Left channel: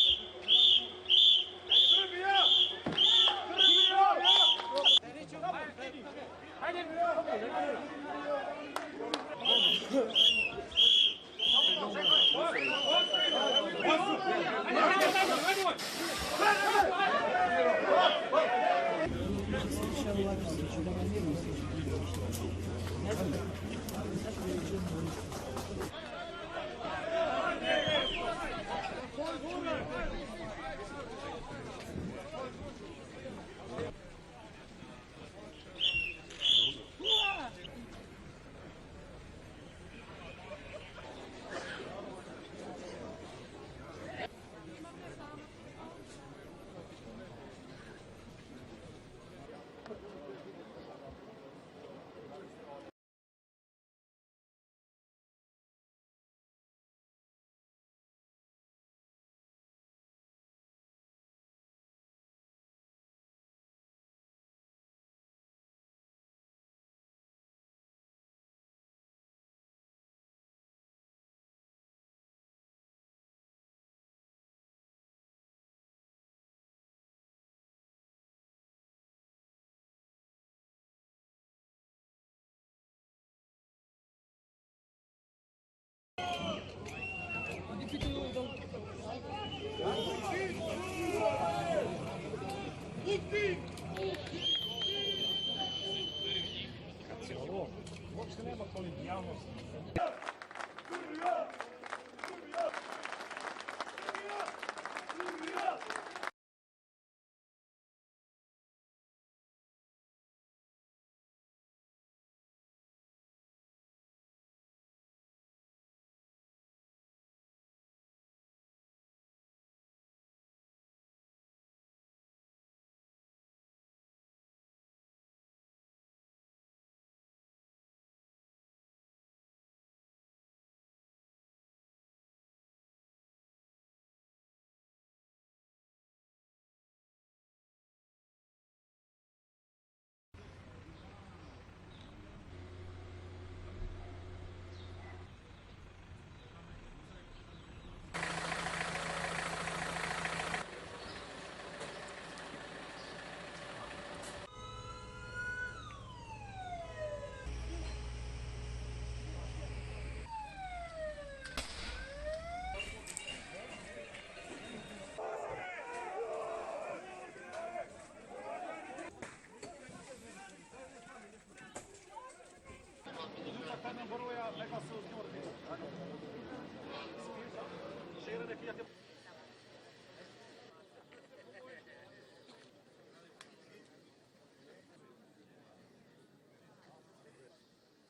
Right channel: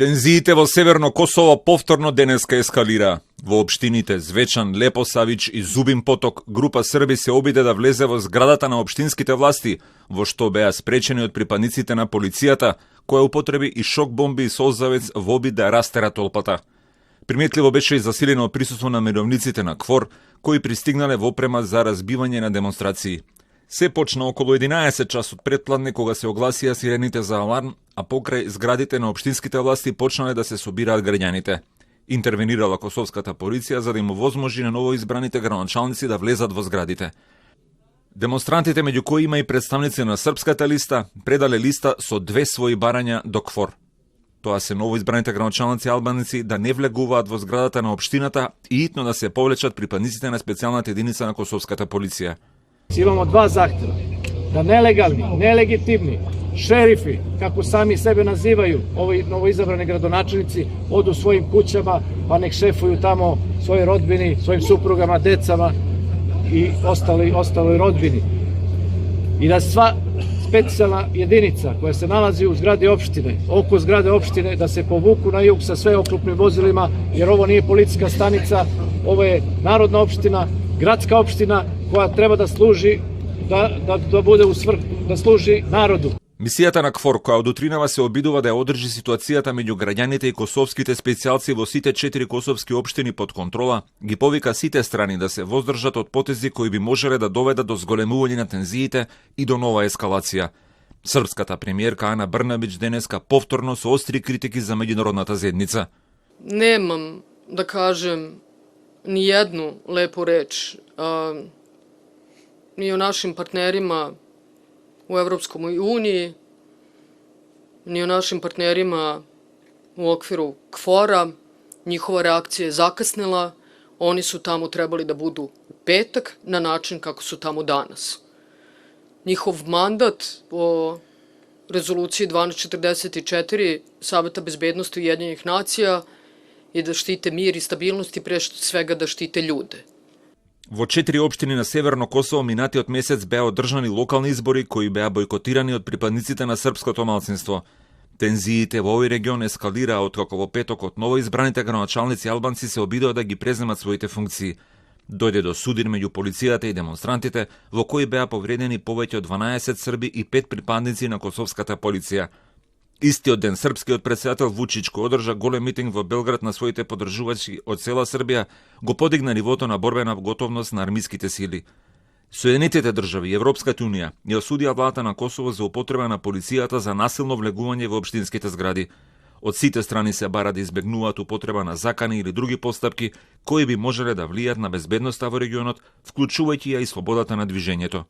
Тензиите во Северно Косово повторно денеска ескалира. Во општините Звечан, Лепосавич и Зубин Поток, група Срби се обиде да влезе во зградата на општинските власти, во што беа спречени од припадниците на полицијата, која употреби и шок бомби и солзавец во обид да растера толпата. Приметливо беше и засилено присуство на мировниците на КФОР, кои пристигнале во опрема за разбивање на демонстрации. Се почна околу 11 часот предпладне кога се огласија сирените за аларм, а покрај зградите на општинските власти почнале да се собираат граѓаните. Интервенирала косовската полиција за да им овозможи на новоизбраните градоначалници да влезат во зградите. Демонстрантите, меѓу кои има и представници на Српската листа, предале листа со 2 своји барања до КФОР. Тоа се новоизбраните градоначалници албанци да не влегуваат во зградата на општината и итно да се повлечат припадниците на специјалната единица на косовската полиција. Имamo 2 zahtjeva, da nelegalni, nelegitimni šerifi, kako sami sebe nazivaju, ovi novoizabrani gradonačelnici, odu svojim kućama pa nek šefuju tamo svojoj rodbini, svojim suprugama, decama i ostaloj rodbini. I da sva specijalna jedinica koja se nalazi u zgradi opštine, oko zgrade opštine, da se povuku na jug sa sve oklopnim vozilima, jer ovo nije policijska stanica, ovo je narodna opština, gradska opština koja treba da služi da bude u svrhu, da služi narodu. Мисијата на КФОР, која од утринава се обидува да ја одржи ситуацијата меѓу граѓаните и косовските специјалци во сите 4 косовски општини под контрола, ги повика сите страни да се воздржат од потези кои би можеле да доведат до зголемување на тензиите и до нова ескалација. Српската премиерка Ана Брнабич денеска повторно со остри критики за меѓународната заедница. Немам да кажем ni jednu lepu reč ni o našim partnerima u Evropskoj uniji, ni o našim partnerima u okviru KFOR-a. Njihova reakcija je zakasnila. Oni su tamo trebali da budu u petak na način kako su tamo danas. Njihov mandat po rezoluciji 1244 Saveta bezbednosti Ujedinjenih nacija je da štite mir i stabilnost i pre svega da štite ljude. Во 4 општини на Северно Косово минатиот месец беа одржани локални избори кои беа бойкотирани од припадниците на српското малцинство. Тензиите во овој регион ескалираа откако во петокот новоизбраните градоначалници албанци се обидоа да ги преземат своите функции. Дојде до судир меѓу полицијата и демонстрантите, во кои беа повредени повеќе од 12 срби и 5 припадници на косовската полиција. Истиот ден српскиот претседател Вучич, кој одржа голем митинг во Белград на своите поддржувачи од цела Србија, го подигна нивото на борбена готовност на армиските сили. Соединетите држави и Европската унија ја осудија владата на Косово за употреба на полицијата за насилно влегување во општинските згради. Од сите страни се бара да избегнуваат употреба на закани или други постапки кои би можеле да влијат на безбедноста во регионот, вклучувајќи ја и слободата на движењето.